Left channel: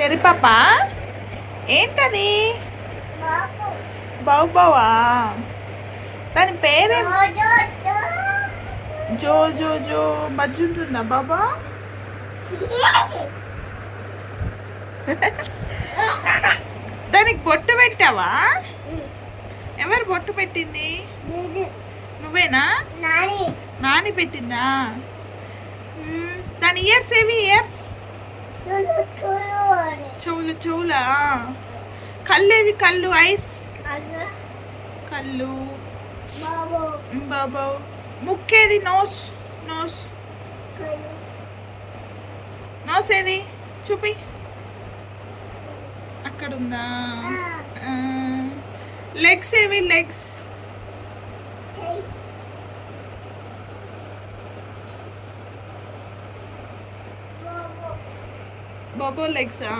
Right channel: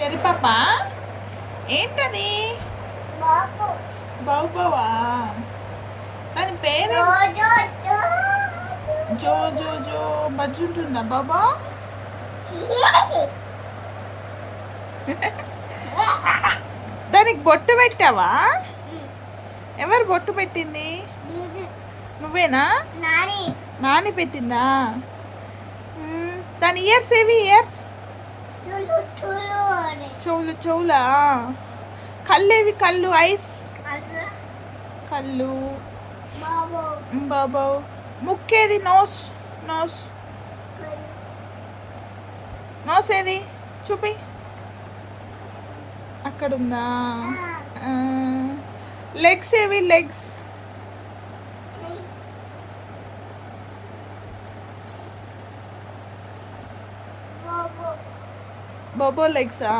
చెరి పాప ఏంటది? బౌబవా? దాని పేరే జో జో జో బజ్జు ఉంటుందా బాబా? దానికి బొట్టు పెట్టావా? ఎవరు బొట్టు పెట్టింది? నువ్వేనా? నాని పెట్టిందా? దాని ఇయర్స్ ఏవి? ఇయర్స్ చెవులు. చెవులా? కళ్ళు ఏవి? కళ్ళు ఐస్ కళ్ళు బాబా. ముక్కేది? నోస్ నోస్ నోస్ ఏది? చూపి. అక్కడుందా? లెగ్స్ ఏవి? లెగ్స్ బాబో లెగ్సా?